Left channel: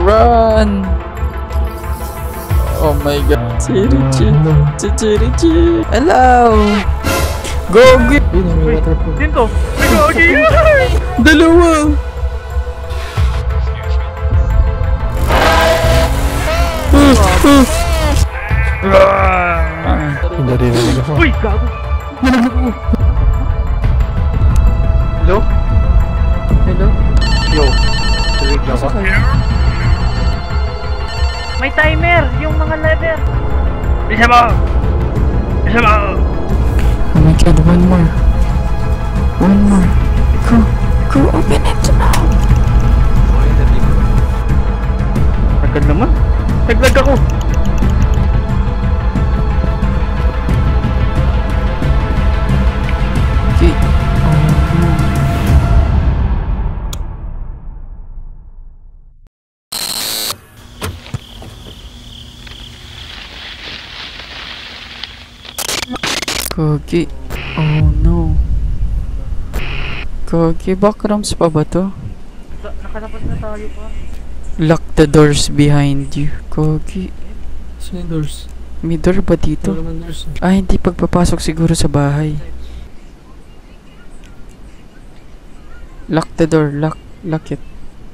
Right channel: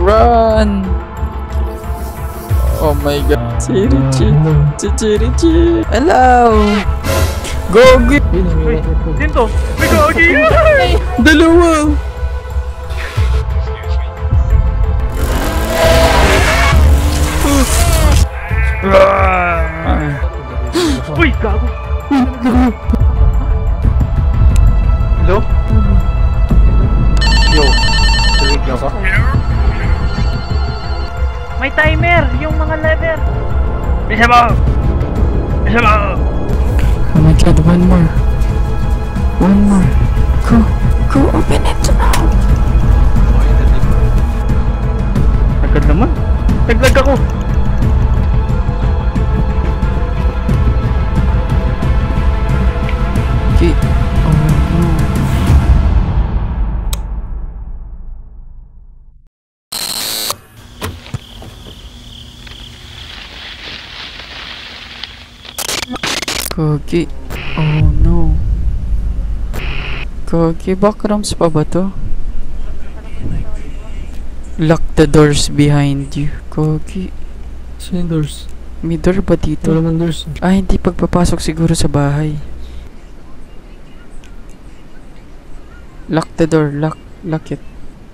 Run! Oh my god. Si Richie. Hello! Gogi! Sinto! May gogi! Dalawa! Uy! Gago! Uy, nalaglag mo! Hello? Hello? Yo! Tulig ako? May timer! Yung mga lever! Bisa mo! Bisa mo! Oh my god, one more. One more. Go, open it now! Agad naman! Naglag ako! Okay. Oh no. Gogi. Oh no. Gogi, backrooms pa ba to? Lock the doors behind you. Gogi. Saan yung doors? May door ba dito? Wala naman doors. Ah, hindi pagpapasok siguro sa bahay. Lock the door. Lock it.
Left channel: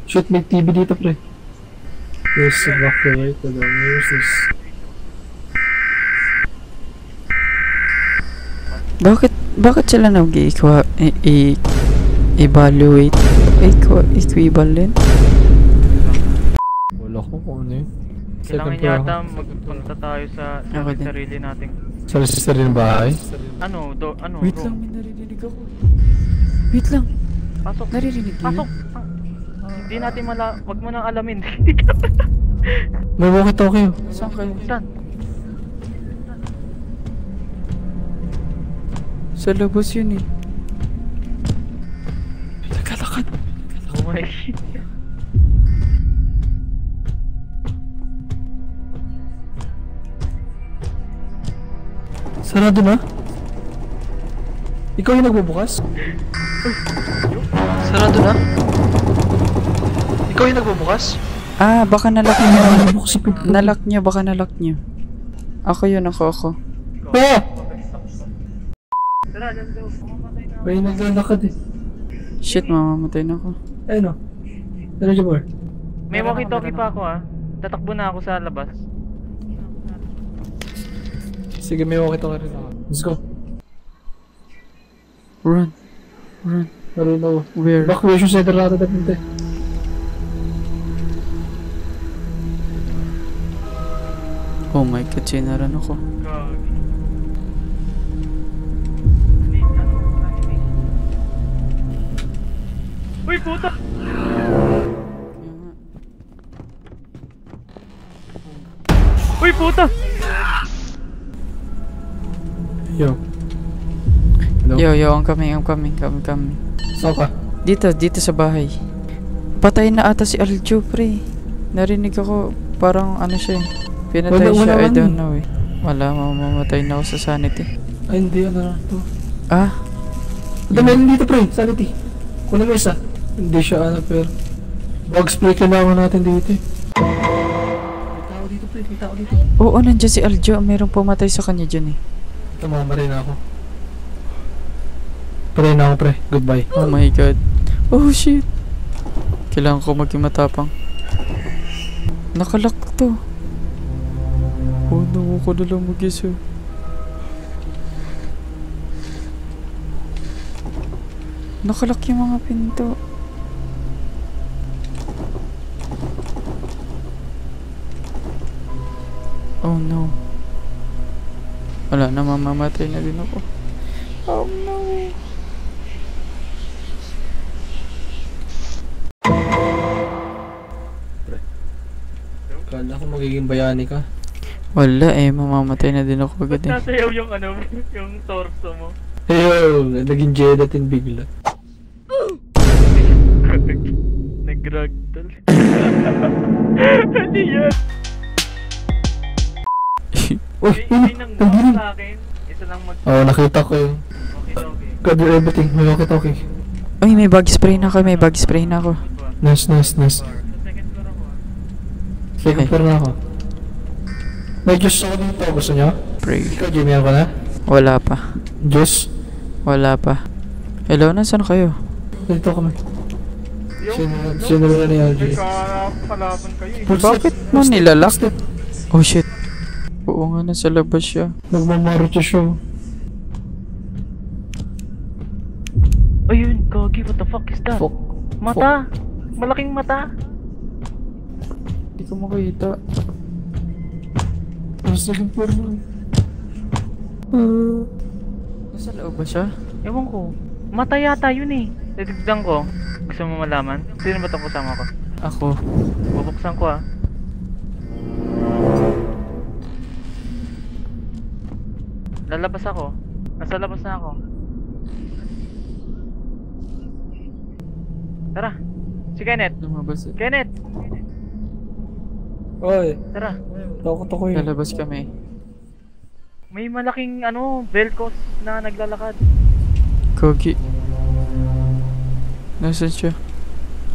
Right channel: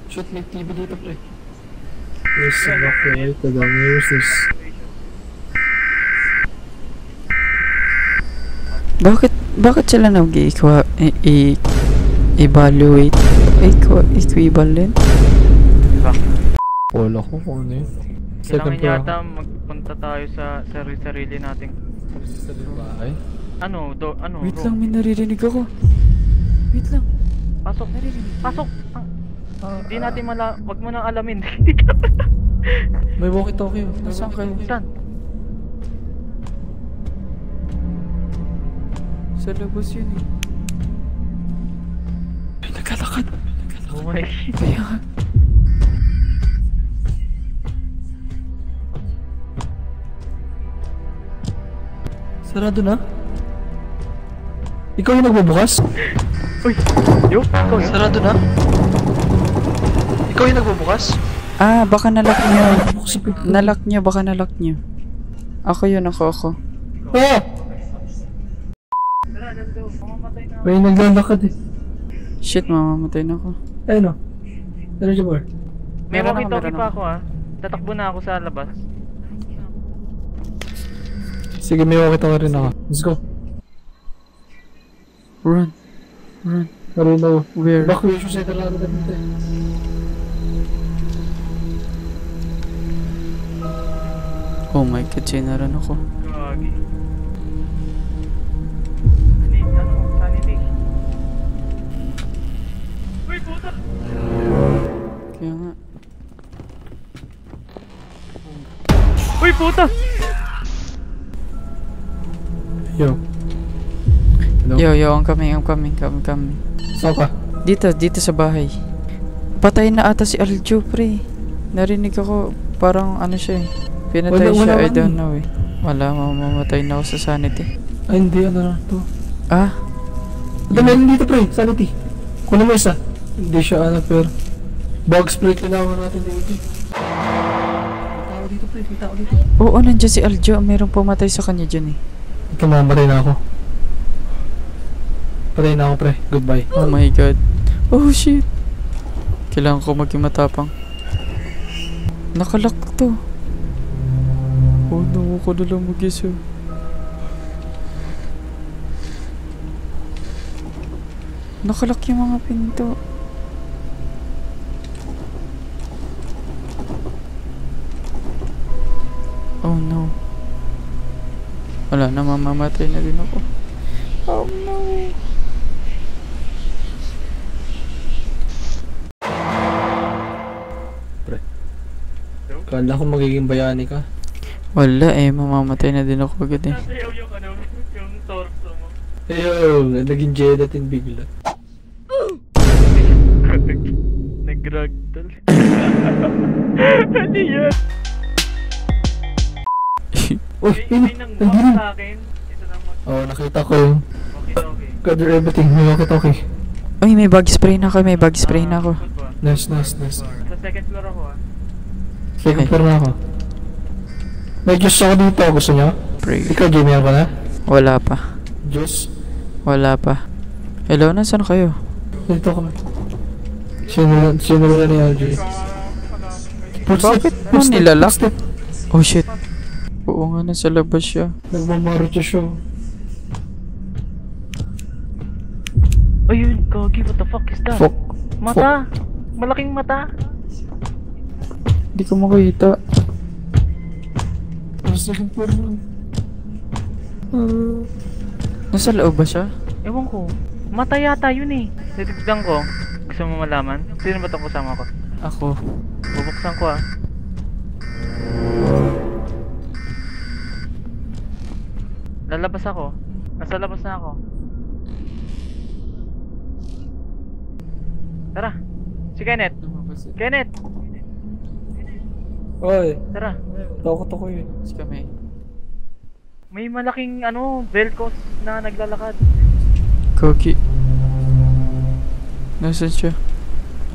Shoot, may TV dito, pre. There's a lock there, right? Where's this? Bakit sila nag-evaluate? Equivalent? Wala ko kung ano yun. Kailangan yata magpunta tayo sa sarili nating... Sa sarili ng bahay? Ano? Wait lang, may naririnig ako. Wait lang. Pasok. Naririnig ko Pasok. Hindi natin wag mo nang alamin. May walkie-talkie. Saan kayo? Saan? Sa labas yun eh. May naglalakad. Oh my Kaya Sarado na? Ikaw yung nagbubukas? Uy! Yo! Sarado na? Ikaw yung nagbubukas? baka nalock nyo. Bukas sa pinto. Nalock nyo, baka nalock nyo. Ako yun, ako. Ah! Tara, let's go. Mamamatay na. May naglalakad eh. Shit, mamamatay na ako. Ayun o. Ano dyan more? May Meron walkie-talkie ako. pa ako Tatakbo na ako sa labas. Sige, may walkie-talkie rin ako. Let's go. Run. Marino. Where? Evacuation center natin na pinto eh. Oh my god, sinaran ako. Gagi. Sanity. Uy, puta! Kaya nga. Uy, puta! Yo. Hello? Yo, I'm coming. Saan ka? Dito sa bahay. Patay na ata si Aljo, pre. Narinig ako, parang ano siya eh. Pinatay Wala siya, I man don't eh. know eh. Wala, mamamatay na ako sa sanity. Ay, hindi. Ano na to? Ah? Meron dito, pre. Sanity. Kunin mo isa. Hindi siya pero bug spray kailangan natin dito eh. May tao dito, pre. May tao dito. Oo, nandiyan si Aljo. Merong pumatay sa kanya dyan eh. Ito, mamamatay na ako. Patay na ako, pre. Goodbye. Oh my god. Oh shit. Kailangan ko maging matapang. Nakalock to. Oh no, ako na lang mag-isa. Nakalock yung mga pinto. Oh no. Wala na, mamamatay na din ako. Oh no. Kala ko magiging bayani ka. Wala eh, mamamatay na din ako agad eh. Nasayaw yung yung torso mo. Ayun, naging Jedatin bigla. Nag-ragdoll. Ano yan? Uy, May nang sa akin. Isa lang Oo, nakita ko yung Okay. cover everything. May walkie-talkie. Uy, may bug spray na ako, may bug spray na ako. Nice, nice, nice. Sa second floor ako ah. Second floor na ako. May juice ako dito. Gusto nyo? Pray. Ikaw, Jimmy, ako na? Wala pa. Juice? Wala pa. Hello, nasaan kayo? Dito kami. Sinula ni RJ. Bakit mo nilalak? Oh shit. Oo nga, nasa labas siya. Nagmamarucho siya. Ayun, Gogi, what the fuck is that? Fuck. Mata! Malaking mata! Hindi ko makita. Second floor na. Nasa loob ba siya? Ewan ko. Mata yata yun eh. Titignan ko. Gusto mo malaman? Sino ba itong kasama ko? Ako. Bubuksan ko ah. Lalabas ako. Nasa labas na ako. Tara. Si Kenneth. Lumabas eh. Kenneth! Oy, Tara. takot ako eh. Lalabas kami. May malaking velcos na naglalakad. Kogi. Nasaan siya?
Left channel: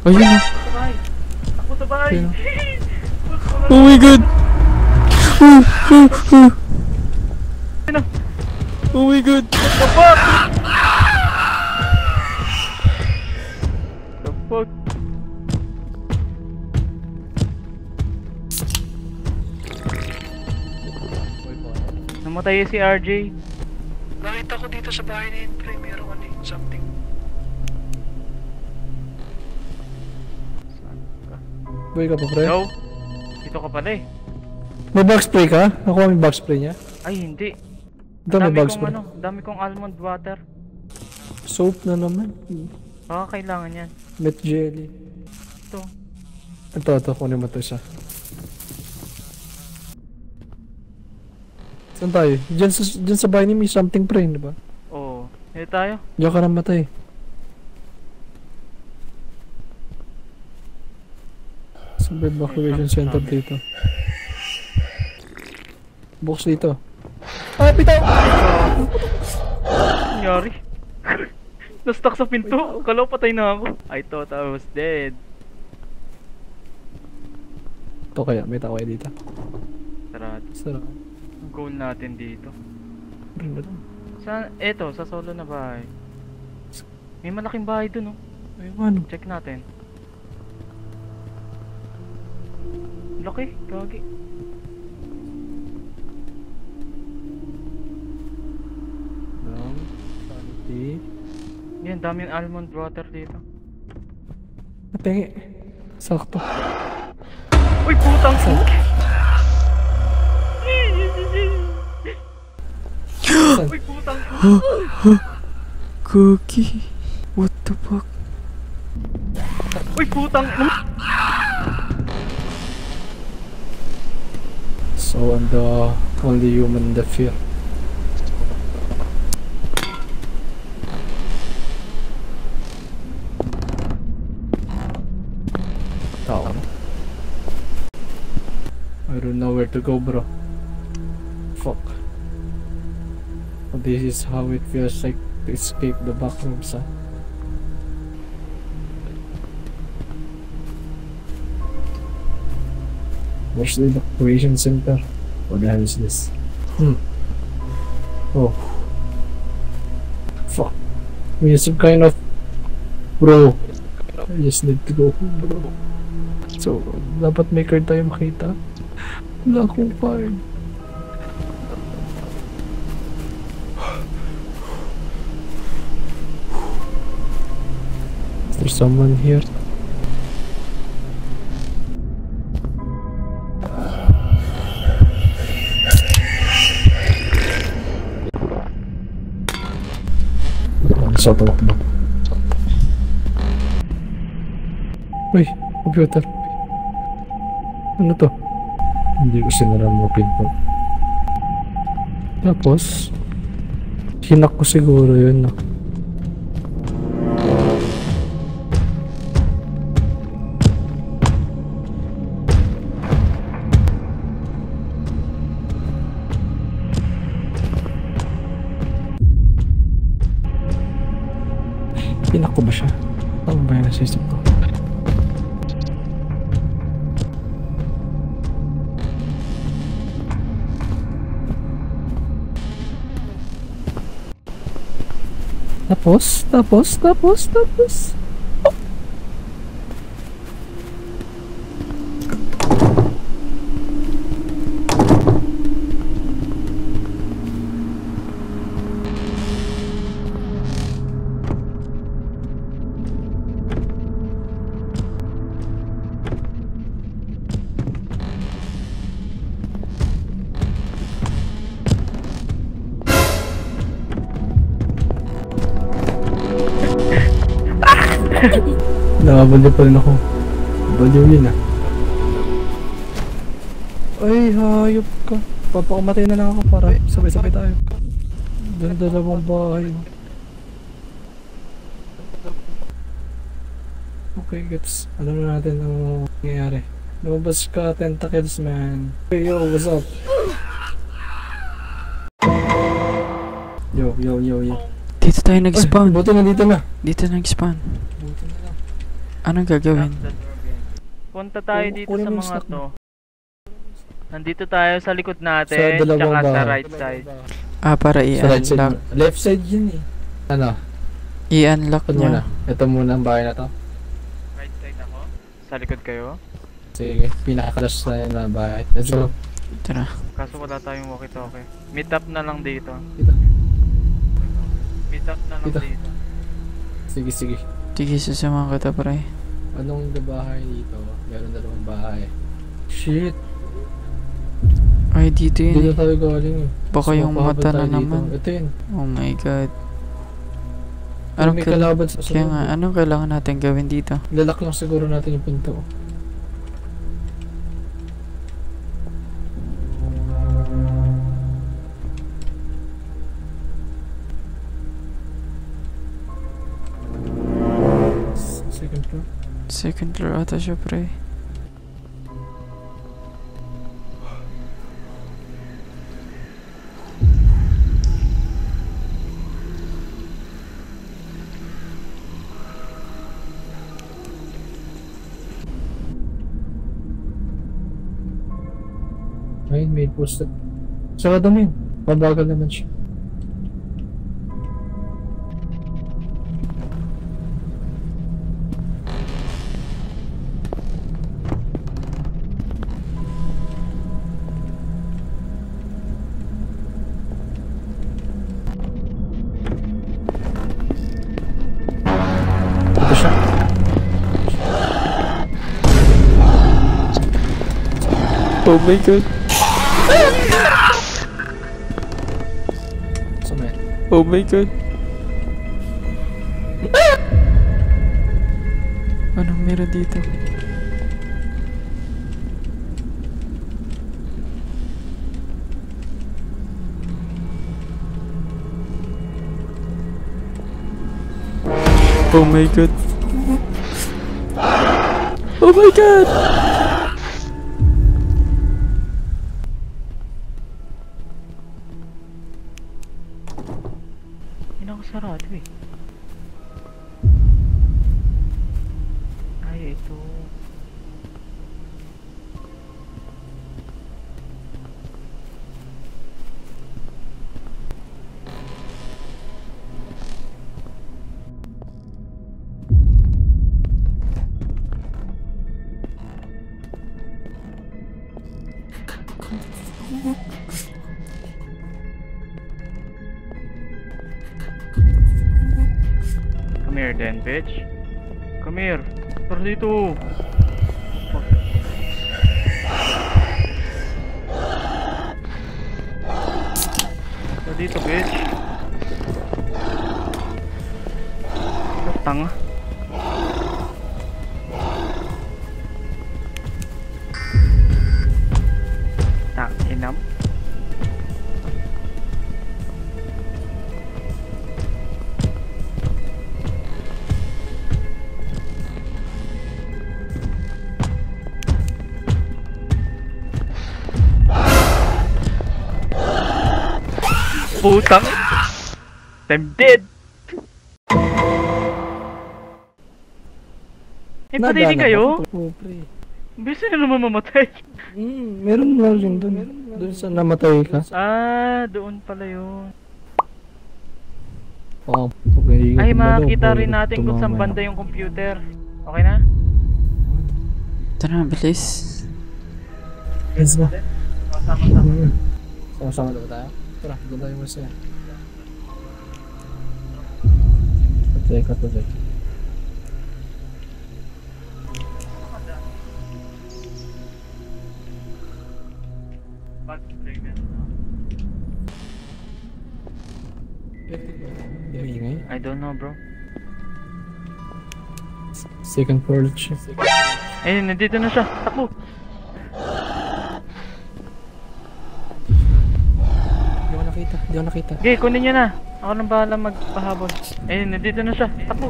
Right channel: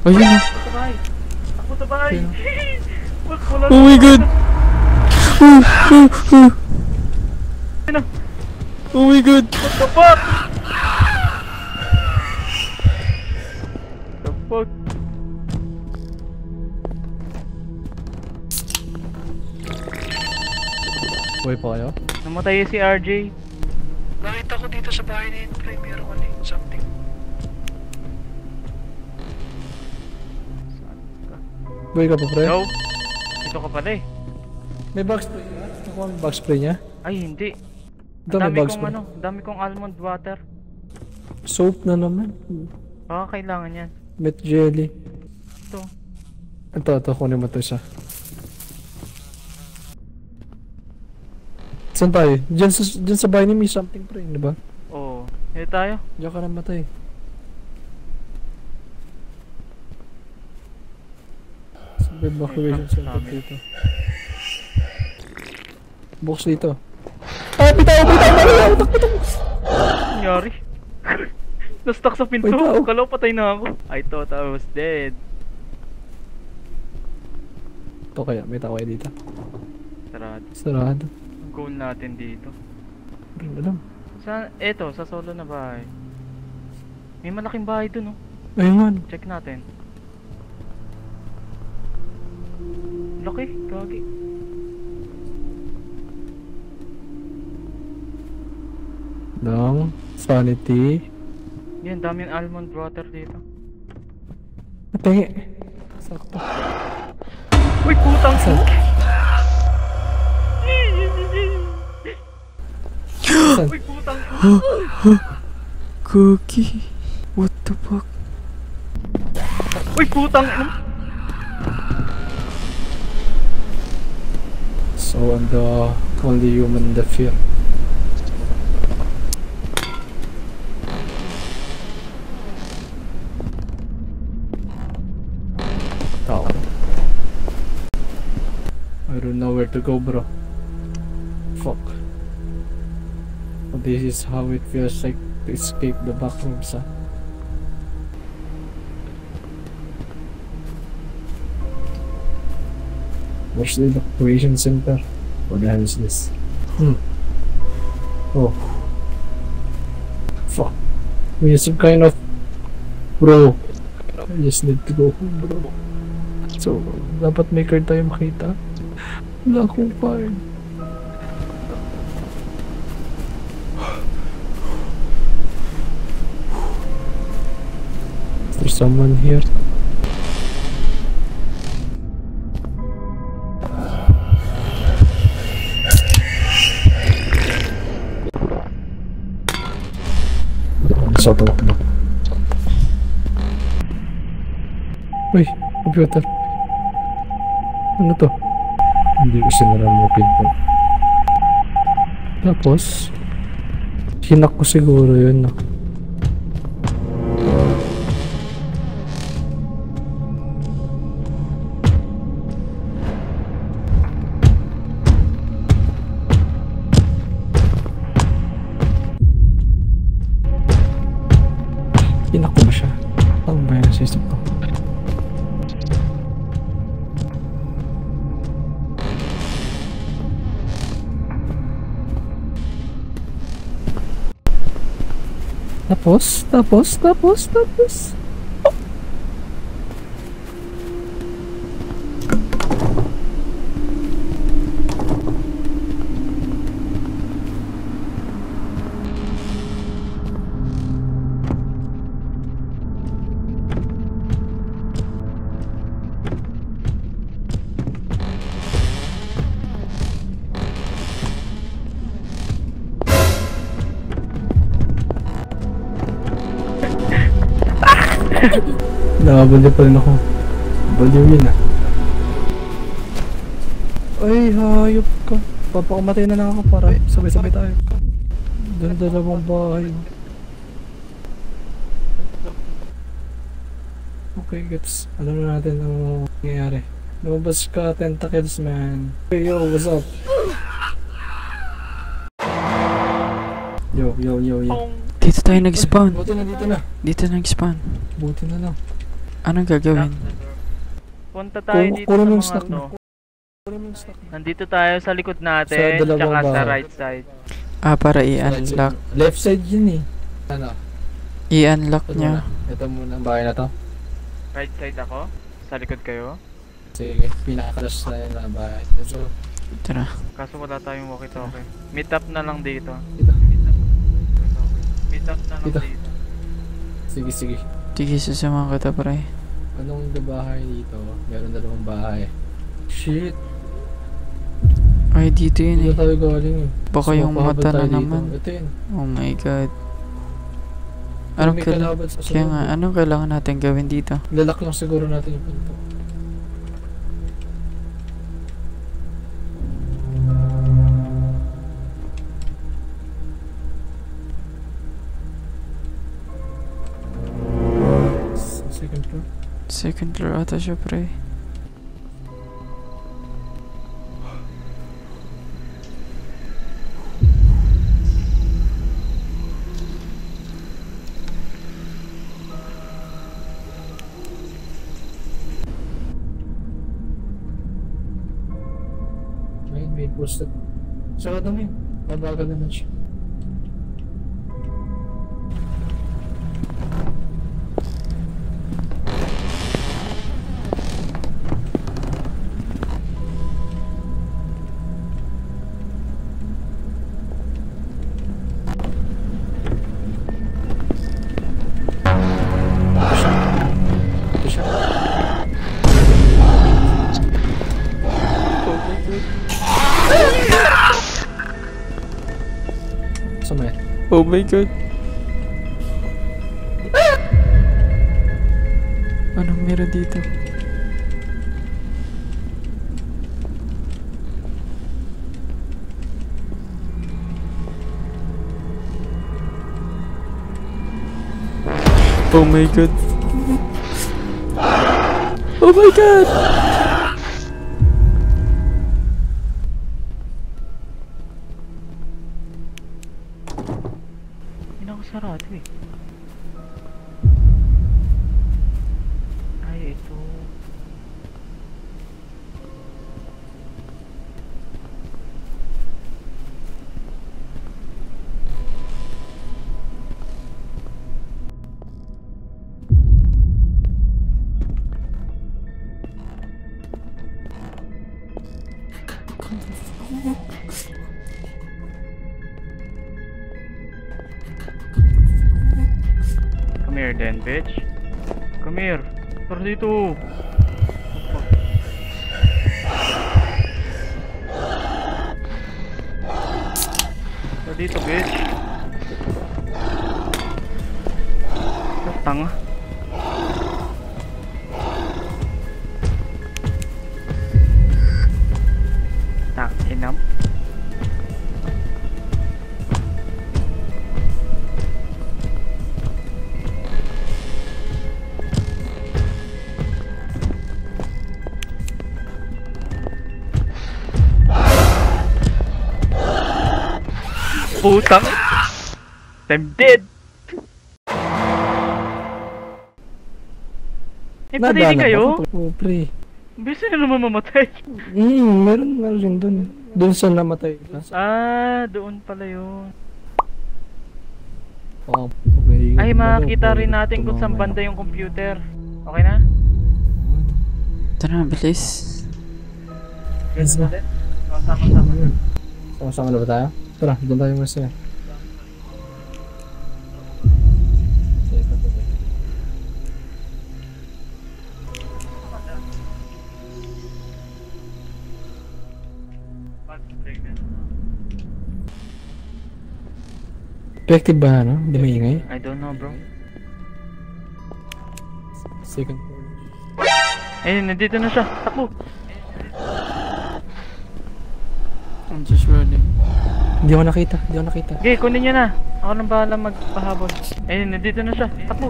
Ayun na. Ako sa bahay. Ako sa bahay. Sino? Wala Oh my god! Sino? Oh my god! What the fuck? The fuck? Buhay pa kayo? Namatay si RJ. Nakita ko dito sa bahay na yun, pre. Meron ka something. Saan ka? Buhay ka pa, pre? No. Dito ka pala eh. May bug spray ka? Nakuha mo yung bug spray niya? Ay hindi. Ito may bug Kong spray. dami kong almond water. Soap na naman. Baka kailangan yan. Met jelly. Ito. Ito. Kunin mo ito isa. Saan tayo? Diyan sa bahay ni may something, pre, di ba? Oo. Dito tayo. Diyan ka namatay. Sa evacuation center dito. Box dito. Ah, bitaw! Nangyari? Na-stuck sa pinto. Wait, tao. Kalaw patay na ako. I thought I was dead. Ito kaya, may tao kaya dito. Sarado. Sarado. Ang goal natin dito. Rin na lang. Eto, sa solo na bahay. May malaking bahay dun oh. Ayun nga, no. Check natin. Laki, gagi. Lang. Sanity. Yan, daming almond water dito. Natingi. Sakto. Uy, putang Saan? Saan? Uy, putang Kogi. What the fuck? Uy, putang So I'm the only human in the field. Tao. I don't know where to go, bro. Fuck. This is how it feels like to escape the backrooms, huh? Where's the evacuation center? What the hell is this? Oh. Fuck. We have some kind of... Bro. I just need to go home, bro. So, dapat may card tayo makita. Wala akong card. Is there someone here? Sa tumakbo. Uy, computer. Ano to? Hindi ko sinara mo pinto. Tapos, hinak ko siguro yun, no? Hinak ko ba siya? Tapos. Nakabali pa rin ako. Baliw yun ah. Ay, hayop ka. Papakamatay na lang ako para sabay-sabay tayo. Doon dalawang bahay. Okay, gets. Alam na natin ang nangyayari. Lumabas ka, tentacles man. Hey, yo, what's up? Yo. Dito tayo nag-spawn. Buti na dito na. Dito nag-spawn. Buti na lang. Anong gagawin? Punta tayo dito Kunin sa mo yung mga snack to. mo. Nandito tayo sa likod Sa natin, dalawang tsaka sa bahay. right side. Para Sa right side i-unlock. mo. Left side yun eh. Ano? I-unlock Ito niya. muna. Ito muna ang bahay na to. Right side ako? Sa likod kayo? Sige, pinaka-crush na yun na bahay. Let's go. Tara. Kaso wala tayong walkie-talkie. Meet up na lang dito. Dito. Meet up na lang Dito. dito. Sige. Sige, sasama kita, pre. Anong bahay dito? Meron dalawang bahay. Shit. Ay, dito yun Dito eh. tayo galing eh. Baka yung Sumapahabol mata tayo na dito. naman. Ito yun. Oh my god. Anong Anong may kailangan? kalaban sa Kaya nga, sunod? anong kailangan natin gawin dito? Lalak lang siguro natin yung pinto. Second floor. Second floor ata siya, pre. Ayun, may poster. Sarado mo yun. Pabagal naman siya. Ito siya. Oh my god. Sama yan. Oh my god. Anong meron dito? Oh my god. Oh my god. Hindi na ako sarado eh. Ay, ito. Come here then, bitch. Come here. Tara dito. Tara dito, bitch. Tanga. Inam. Putang. I'm dead. Pati kayo? Oo, pre. Bisa na naman mamatay. Meron nga rin dun. Dun sa namatay ka. Ah, doon pala yun. Oo, Ay, makakita rin natin kung saan banda yung computer. Okay na? Tara, bilis. Yes ba? Sama-sama. Sama-sama na ba tayo? Tara, doon tayo masaya. Teka, teka. Effective ba ano? Hindi maingay? I don't know, bro. Second floor siya. Ayun, nandito na siya. Takbo! I'm just running. Hindi ako nakita, hindi ako nakita. Okay, kunin niya na. Ako nang bahala magpahabol. Ayun, nandito na siya. Takbo!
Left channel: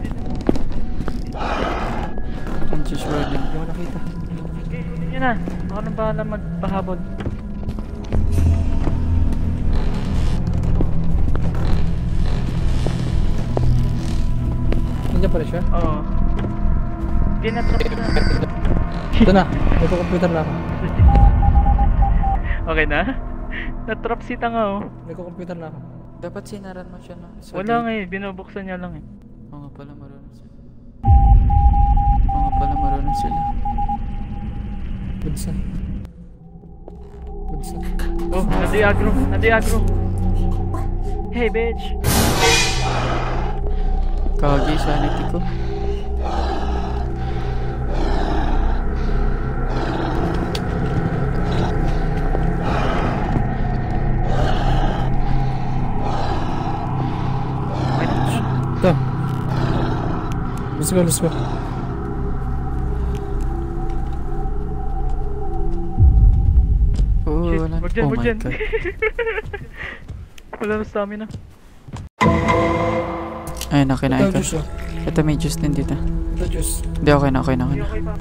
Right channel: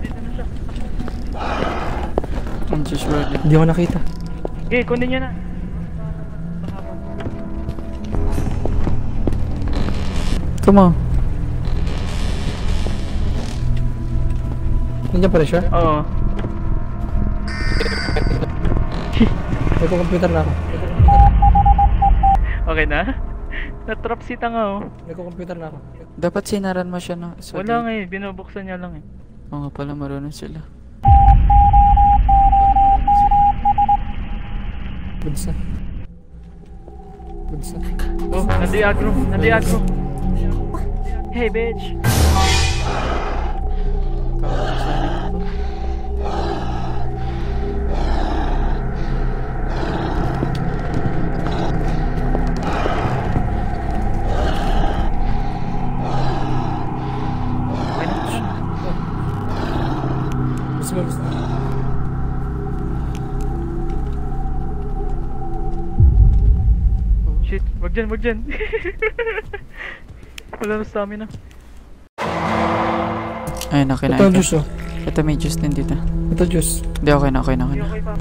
I'm just running. Hindi ako nakita. Okay, kunin niya na. Ako nang bahala magpahabol. Come on. Nandiyan pa rin siya? Oo. Hindi na siya. Ito na, may computer na ako. Okay na? Natrap si tanga oh. May computer na ako. Dapat sinaran mo siya na. Wala nga eh, binubuksan niya lang eh. Oo nga pala, marunong sila. Oo nga pala, marunong sila. Budsa. Budsa. Oh, nadi-agro, nadi-agro. Hey bitch! Kagi sanity ko. Ito. Let's go, let's go. Oh, Shit, wala. wag dyan, Oh wag my dyan. God. Wala na stamina. Ayun na, Ito kinain ko. juice oh. Ito may juice din dito. Ito juice. Hindi, okay na, okay na. Okay Hindi na. okay pa.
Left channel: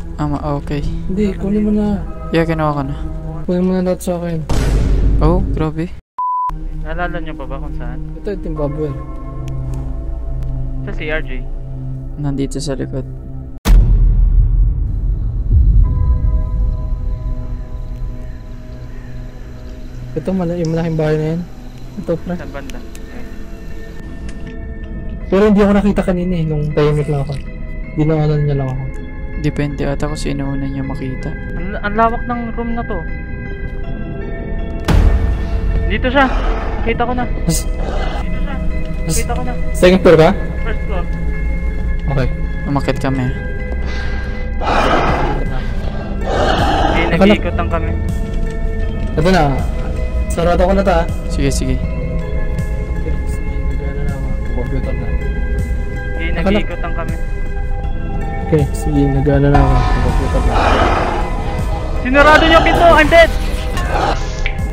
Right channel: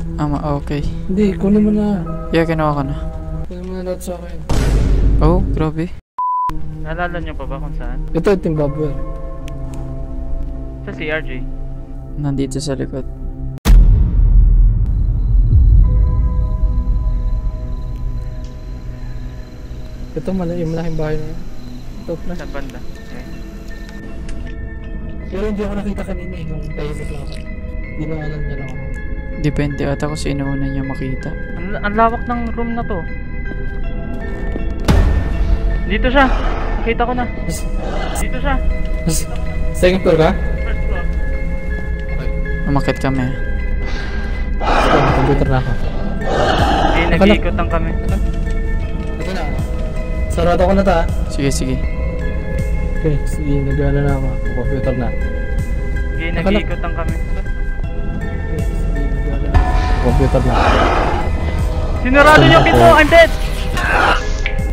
Okay. Hindi, kunin mo na. Yeah, kinuha ko na. Kunin mo na lahat sa akin. Oh, grabe. Naalala niyo pa ba kung saan? Ito yung Timbabwer. Sa CRJ. Nandito sa likod. Ito, yung malaking bahay na yan. Ito, pre. Saan banda? Okay. Pero hindi ako nakita kanina eh, nung tahimik lang ako. Ginawalan niya lang ako. Depende ata kung sino una niya makita. Ang lawak ng room na to. Dito siya. Nakita ko na. Dito siya. Nakita ko na. Second floor ka? First floor. Okay. Umakit kami. Computer na ako. Okay, nag-iikotan kami. Ito na. Sarado ko na ta. Sige, sige. Okay, sige, nag-ano na ako. Computer na. Okay, nag-iikotan kami. Okay, sige, nag-ano na ako. Computer na. Sinarado niyo pinto! I'm dead!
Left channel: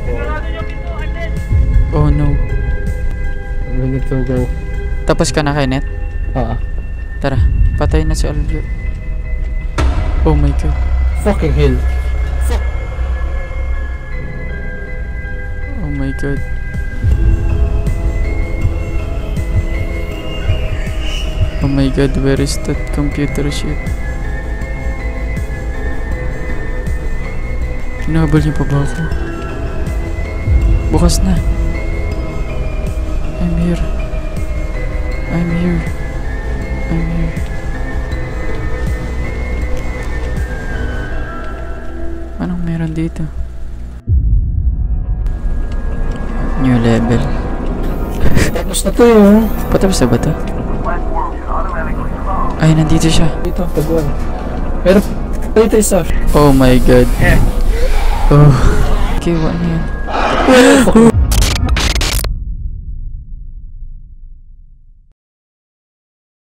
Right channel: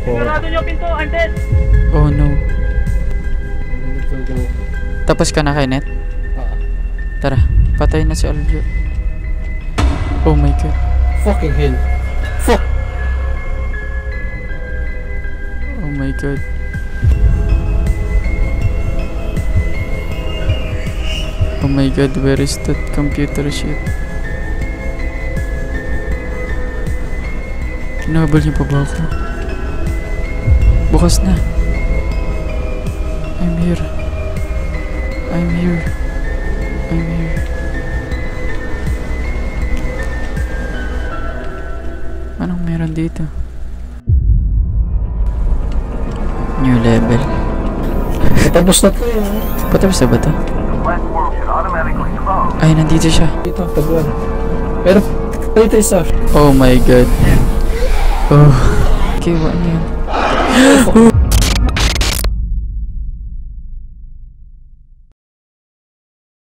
Sinarado niyo pinto! I'm dead! Oh no. We need to go. Tapos ka na kay Net? Tara, patay na si Aljo. Oh my God. Fucking hell. Fuck. Oh my God. Oh my God, where is that computer shit? Kinahabol niyo pa ba ako? Bukas na. I'm here. I'm here. I'm here. Anong meron dito? New level. Tapos na to yun. Patapos na ba to? Ay, nandito siya. Dito, taguan. Pero, dito isa. Oh my God. Oh. Okay, what na yan?